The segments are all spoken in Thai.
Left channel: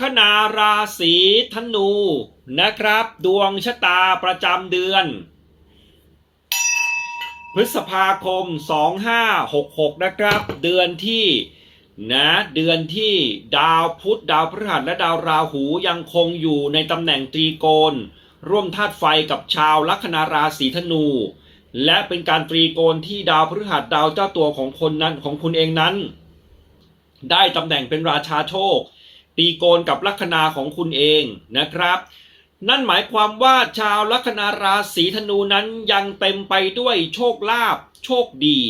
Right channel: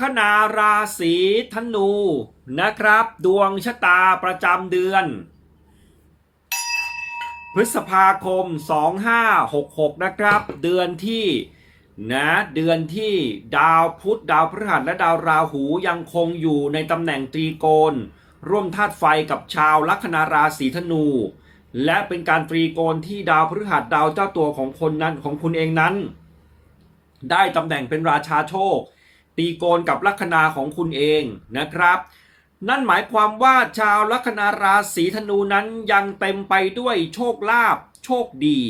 คนาราศีธนูนะครับ ดวงชะตาประจำเดือน พฤษภาคม 2566 นะครับ เดือนที่นะเดือนที่ดาวพุธดาวพฤหัสและดาวราหูยังคงอยู่ในตำแหน่งตรีโกณร่วมธาตุไฟกับชาวลัคนาราศีธนู และเป็นการตรีโกณที่ดาวพฤหัสดาวเจ้าตัวของคนนั้นของคุณเองนั้น ได้ตำแหน่งเป็นราชาโชค ตีโกนกับลัคนาของคุณเองนะครับ นั่นหมายความว่าชาวลัคนาราศีธนูนั้นยังเต็มไปด้วยโชคลาภโชคดี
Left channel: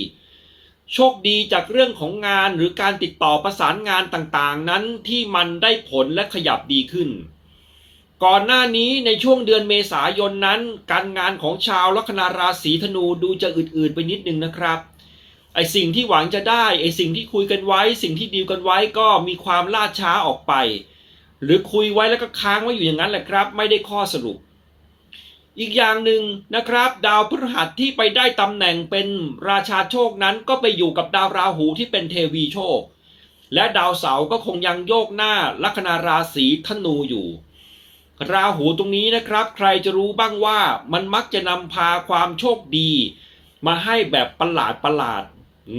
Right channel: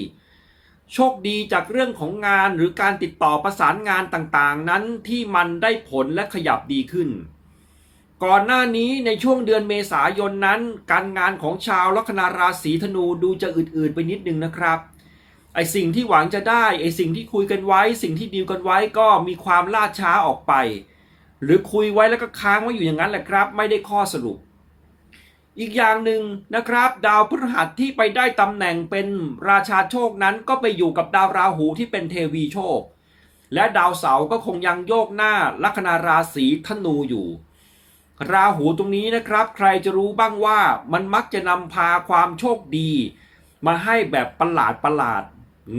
โชคดีจากเรื่องของงานหรือการติดต่อประสานงานต่างๆ นั้นที่มันได้ผลและขยับดีขึ้น ก่อนหน้านี้ในช่วงเดือนเมษายนนั้น การงานของชาวลัคนาราศีธนูดูจะอืดๆไปนิดนึงนะครับ ไอสิ่งที่หวังจะได้ไอสิ่งที่คุยกันไว้ สิ่งที่ดีลกันไว้ก็มีความล่าช้าออกไป หรือคุยไว้แล้วก็ค้างไว้อยู่อย่างนั้นแหละครับ ไม่ได้ข้อสรุป อีกอย่างหนึ่งนะครับ ดาวพฤหัสที่ไปได้ตำแหน่งเป็นราชาโชคนั้นก็ไปอยู่กับดาวราหูที่เป็นเทวีโชค และดาวเสาร์ก็คงยังโยกหน้าลัคนาราศีธนูอยู่ ราหูตรงนี้นะครับ ใครจะรู้บ้างว่ามันมักจะนำพาความโชคดี มาให้แบบประหลาดประหลาด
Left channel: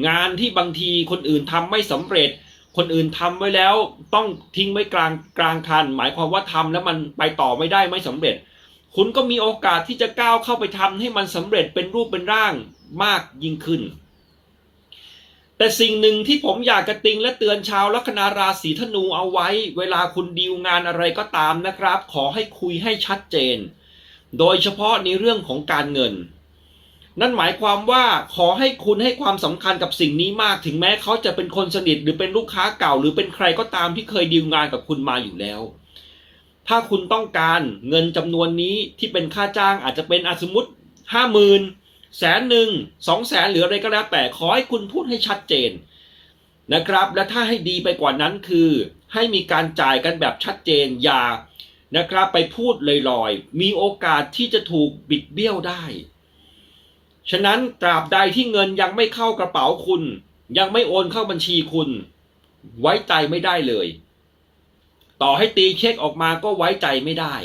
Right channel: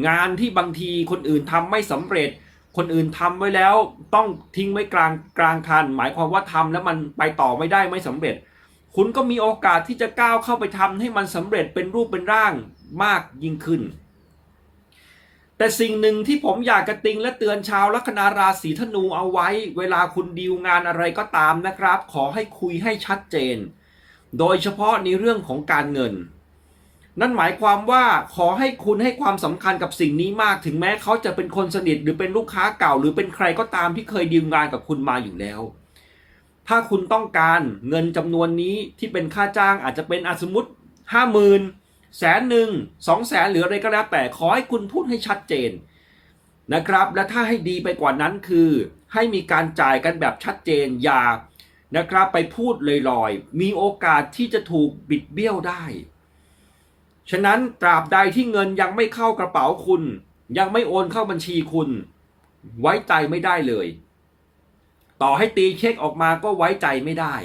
งานที่บางทีคนอื่นทำไม่สำเร็จ คนอื่นทำไว้แล้วต้องทิ้งไว้กลางกลางคัน หมายความว่าทำแล้วมันไปต่อไม่ได้ไม่สำเร็จ คุณก็มีโอกาสที่จะก้าวเข้าไปทำให้มันสำเร็จเป็นรูปเป็นร่างมากยิ่งขึ้น แต่สิ่งหนึ่งที่ผมอยากกระติงและเตือนชาวลัคนาราศีธนูเอาไว้ เวลาคุณดีลงานอะไรก็ตามนะครับ ขอให้คุยให้ชัดเจน โดยเฉพาะในเรื่องของการเงิน นั่นหมายความว่าขอให้คุณให้ความสำคัญกับสิ่งนี้มาก ถึงแม้เขาจะเป็นคนสนิทหรือเป็นลูกค้าเก่า หรือเป็นใครก็ตามที่เคยดีลงานกับคุณมาอยู่แล้ว ถ้าคุณต้องการเงินจำนวนนี้ที่เป็นค่าจ้างอาจจะเป็นอสมมติห้าหมื่นแสนหนึ่งสองแสนหรืออะไรก็แล้วแต่ขอให้คุณพูดให้ชัดเจนนะครับ และถ้าให้ดีไปกว่านั้นคือ ให้มีการจ่ายกันแบบชัดเจนอย่านะครับไปพูดลอยๆ มีโอกาสที่จะถูกบิดเบี้ยวได้ ฉะนั้นตราบใดที่เงินยังไม่เข้ากระเป๋าคุณ ยังไม่โอนเข้าบัญชีคุณ ไว้ใจไม่ได้เลย ต่อให้ตีเช็คออกมาก็ไว้ใจไม่ได้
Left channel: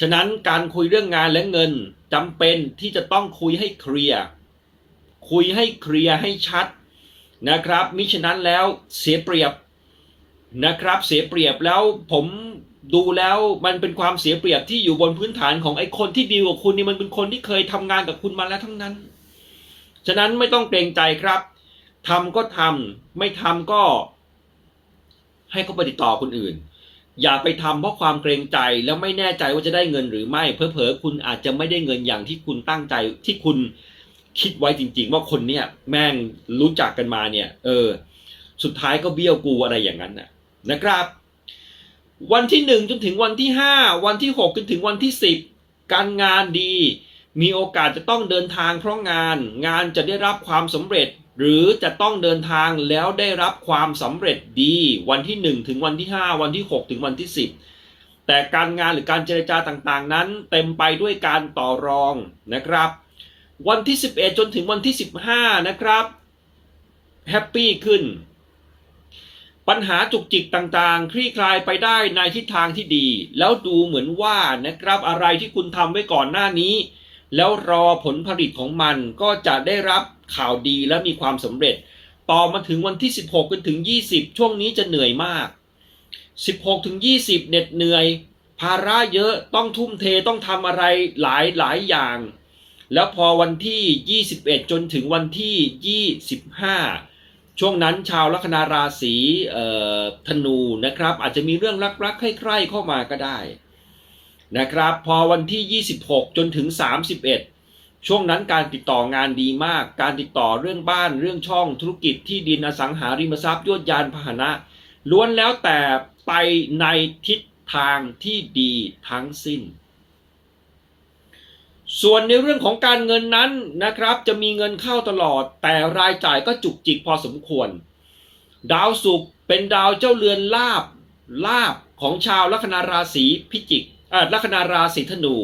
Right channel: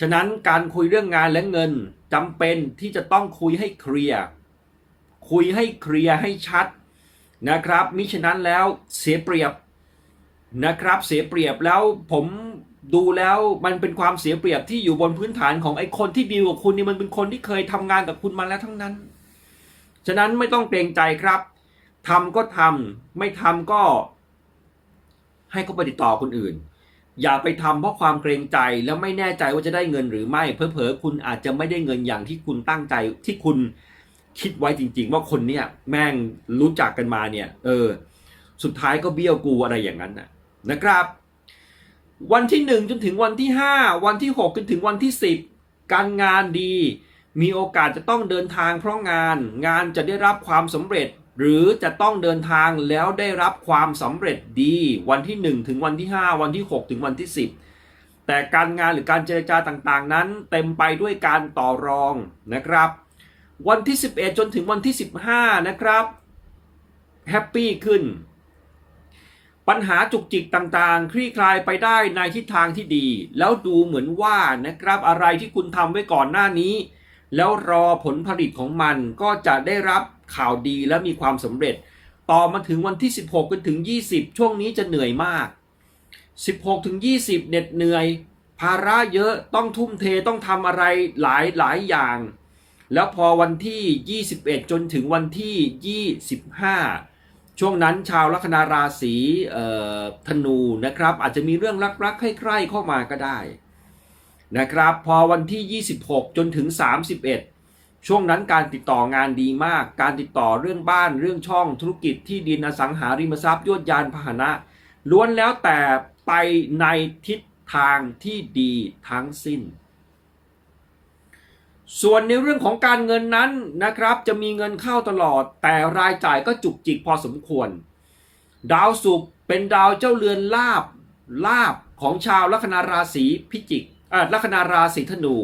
ฉะนั้นการคุยเรื่องงานและเงินจำเป็นที่จะต้องคุยให้เคลียร์คุยให้เคลียร์ให้ชัดนะครับมิฉะนั้นแล้วเสียเปรียบนะครับ เสียเปรียบแล้วผม ดูแล้วมันเป็นความเสียเปรียบที่อยู่บนพื้นฐานของไอ้คนที่ดีกับคุณนี่มันเป็นคนที่เคยทำงานกับคุณมาแล้วทั้งนั้น ฉะนั้นไม่ต้องเกรงใจครับทำก็ทำไม่ทำก็ ให้เขาไปติดต่อคนอื่น อย่าไปทำเพราะความเกรงใจแล้วไม่แน่ใจว่าจะได้เงินหรือไม่เพอเพอๆคุณอาจจะไม่ได้เงินอย่างที่คุณตั้งใจที่คุณคิดไว้จริง ๆ ว่าคนเนี้ยแม่งรู้จักกันมาเนี่ย เออ สุดท้ายก็เบี้ยวกูอะไรอย่างนั้นนะนะครับ วันที่หนึ่งจนถึงวันที่ห้าวันที่หกจนถึงวันที่สิบการงานดี มีโอกาสจะต้องเดินทางเพราะงาน งานจะได้รับความสำเร็จ หรือจะต้องเดินทางแล้วได้รับความสำเร็จดี วันที่หนึ่งถึงวันที่ห้าวันที่หกถึงวันที่สิบแต่การงานหรือการเจรจาต่างๆ นั้น เต็มไปด้วยการต่อรองนะครับ วันที่ 11 จนถึงวันที่ 15 นะครับแฮปปี้ขึ้น ปัญหาจุกจิกต่างๆ คลี่คลายไปได้ในทิศทางที่ดี แล้วดูเหมือนว่านะครับอะไรที่คุณทำไว้ก่อนหน้านี้ แล้วรอผลผลิตของมันก็จะได้รับข่าวดีและมีความสำเร็จ ต่อมาถึงวันที่ 16จนถึง 20 ช่วงนี้จะเหนื่อยมาก 16ถึง20 เหน็ดเหนื่อย ภาระเยอะต้องทุ่มเทต้องทำอะไรหลายหลายอย่าง แล้วพอวันที่ 21 จนถึงวันที่ 25 ช่วงนั้นชาวลัคนาราศีธนูนะครับ อาจจะมีเรื่องรักๆใคร่ๆเข้ามาก็ได้นะครับ พอวันที่ 26 จนถึง 31 ช่วงนั้นการติดต่องานดีมาก การติดต่อเรื่องบ้านเรื่องช่องธุรกิจที่ดินอสังหาริมทรัพย์ยวดยานพาหนะ ล้วนแล้วแต่ไปในทิศทางที่ดีทั้งสิ้น ส่วนในเรื่องของการเงินนั้นนะครับ จะมีเงินเข้าตลอด แต่รายจ่ายก็จุกจิกพอสมควร ดาวศุกร์เป็นดาวเจ้าเรือนลาบลาบของชาวลัคนาราศีพิจิกอ่าลัคนาราศีธนู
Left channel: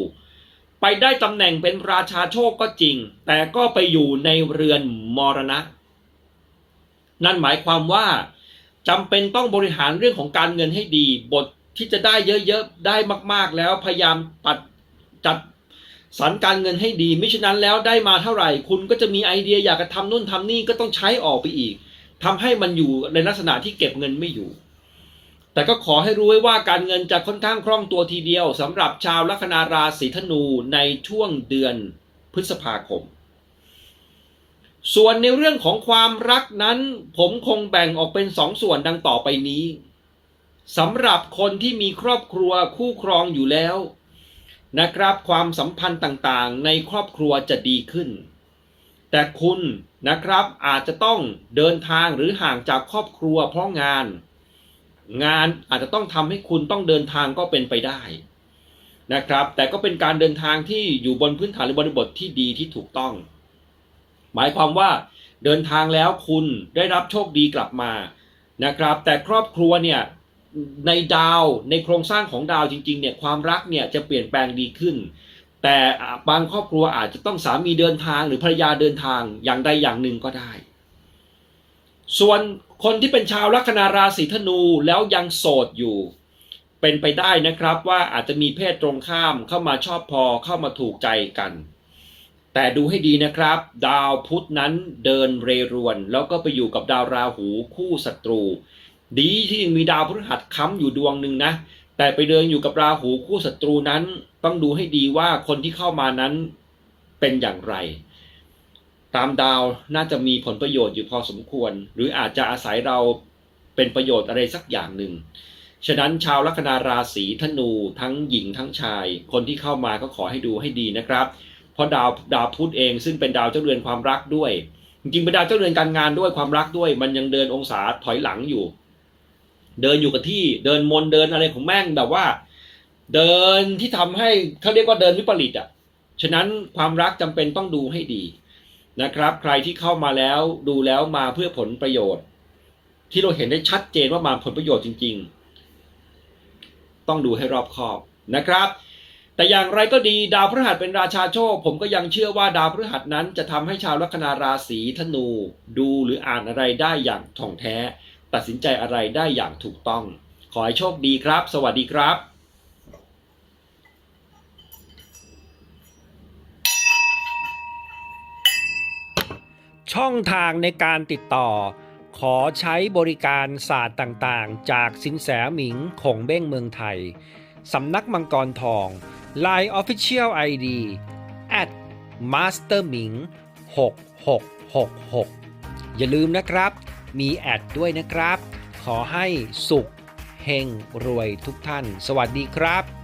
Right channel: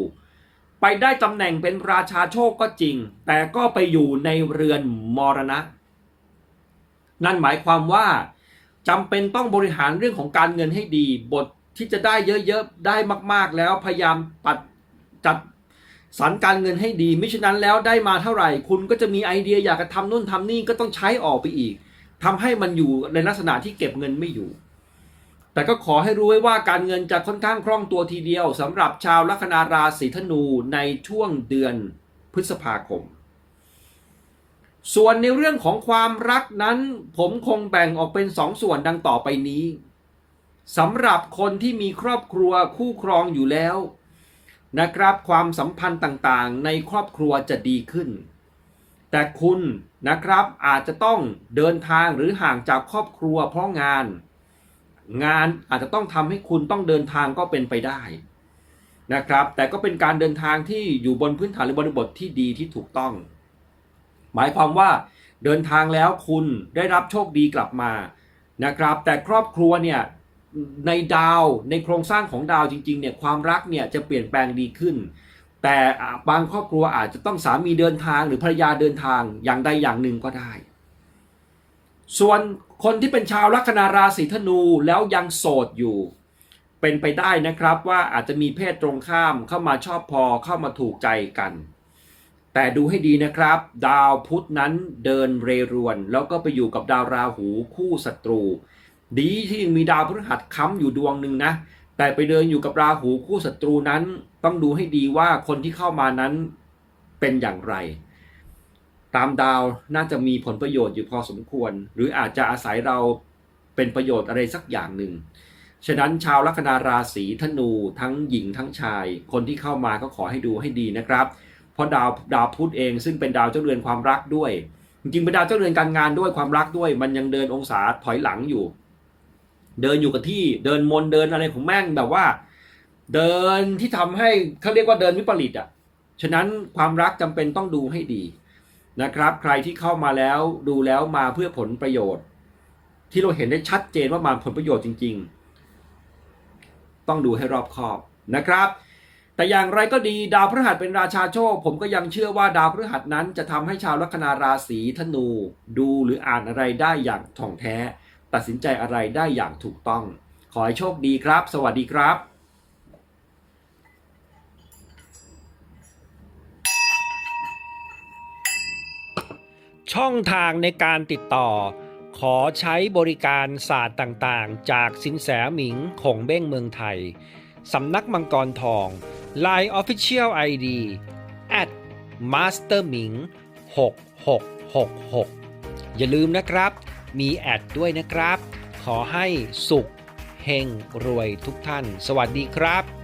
ไปได้ตำแหน่งเป็นราชาโชคก็จริง แต่ก็ไปอยู่ในเรือนมรณะ นั่นหมายความว่าจำเป็นต้องบริหารเรื่องของการเงินให้ดี บทที่จะได้เยอะๆได้มากๆแล้วพยายามปัดจัด สรรการเงินให้ดีไม่ฉะนั้นแล้วได้มาเท่าไหร่ คุณก็จะมีไอเดียอยากจะทำนู่นทำนี่ก็ต้องใช้ออกไปอีกทำให้มันอยู่ในลักษณะที่เก็บเงินไม่อยู่ แต่ก็ขอให้รู้ไว้ว่าการเงินจะค่อนข้างคล่องตัวทีเดียวสำหรับชาวลัคนาราศีธนูในช่วงเดือนพฤษภาคม ส่วนในเรื่องของความรักนั้น ผมคงแบ่งออกเป็นสองส่วนดังต่อไปนี้สำหรับคนที่มีครอบครัวคู่ครองอยู่แล้ว นะครับความสัมพันธ์ต่างๆ ในครอบครัวจะดีขึ้น แต่คุณนะครับอาจจะต้องเดินทางหรือห่างจากครอบครัวเพราะงาน งานอาจจะต้องทำให้คุณต้องเดินทางก็เป็นไปได้นะครับ แต่ก็เป็นการเดินทางที่อยู่บนพื้นฐานหรือบริบทที่ดีที่ถูกต้อง หมายความว่าเดินทางแล้วคุณได้รับโชคดีกลับมานะครับ แต่ครอบครัวเนี่ย ในดาวในโครงสร้างของดาวจริงๆเนี่ยความรักเนี่ยจะเปลี่ยนแปลงดีขึ้น แต่บางครอบครัวอาจจะต้องสามีเดินทางหรือภรรยาเดินทางอย่างใดอย่างหนึ่งก็ได้ ส่วนคนที่เป็นชาวลัคนาราศีธนูแล้วยังโสดอยู่ เป็นไปได้นะครับว่าอาจจะมีเพศตรงข้ามเข้ามาชอบพอเข้ามาถูกใจกัน แต่ดูให้ดีนะครับ ดาวพุธนั้นเดินเรรวน แล้วก็ไปอยู่กับดาวราหูคู่ศัตรู ดีที่ยังมีดาวพฤหัสค้ำอยู่ดวงหนึ่งนะ แต่ไปเดินอยู่กับราหูคู่ศัตรูนั้น ต้องดูให้ดีว่าคนที่เข้ามานั้นเป็นอย่างไร ตามดาวน่าจะมีผลประโยชน์อยู่พอสมควร หรืออาจจะอาศัยเราเป็นประโยชน์อะไรสักอย่างหนึ่งฉะนั้นชาวลัคนาราศีธนูทั้งหญิงทั้งชาย คนที่เข้ามาก็ขอให้ดูให้ดีนะครับ เพราะดาวดาวพุธเองซึ่งเป็นดาวเจ้าเรือนความรักด้วย จริงๆเป็นดาวเจ้าเรือนการงานด้วยความรักด้วย มันยังเดินองศาถอยหลังอยู่ เดินอยู่กับที่เดินมนเดินอะไรของแม่งแบบว่า เดินที่ทำให้เขาเรียกว่าเดินวิปริตอะฉะนั้นความรักจำเป็นต้องดูให้ดีนะครับ ใครที่เข้ามาแล้วดูแล้วมาเพื่อผลประโยชน์ ที่เราเห็นได้ชัดเจนว่ามาผลประโยชน์จริง ๆ ต้องดูให้รอบคอบนะครับ แต่อย่างไรก็ดีดาวพฤหัสเป็นราชาโชค ผมก็ยังเชื่อว่าดาวพฤหัสนั้นจะทำให้ชาวลัคนาราศีธนู ดูหรืออ่านอะไรได้อย่างถ่องแท้ ตัดสินใจอะไรได้อย่างถูกต้อง ขอให้โชคดีครับ สวัสดีครับช่องทางในการติดต่อ ขอใช้บริการศาสตร์ต่างๆ จากสินแสหมิงคงเบ้งเมืองไทย สำนักมังกรทอง Line Official ID at master หมิง6666 อย่าลืมนะครับ มีแอดด้วยนะครับ ขอให้สุขเฮงรวยทุกท่าน สวัสดีครับ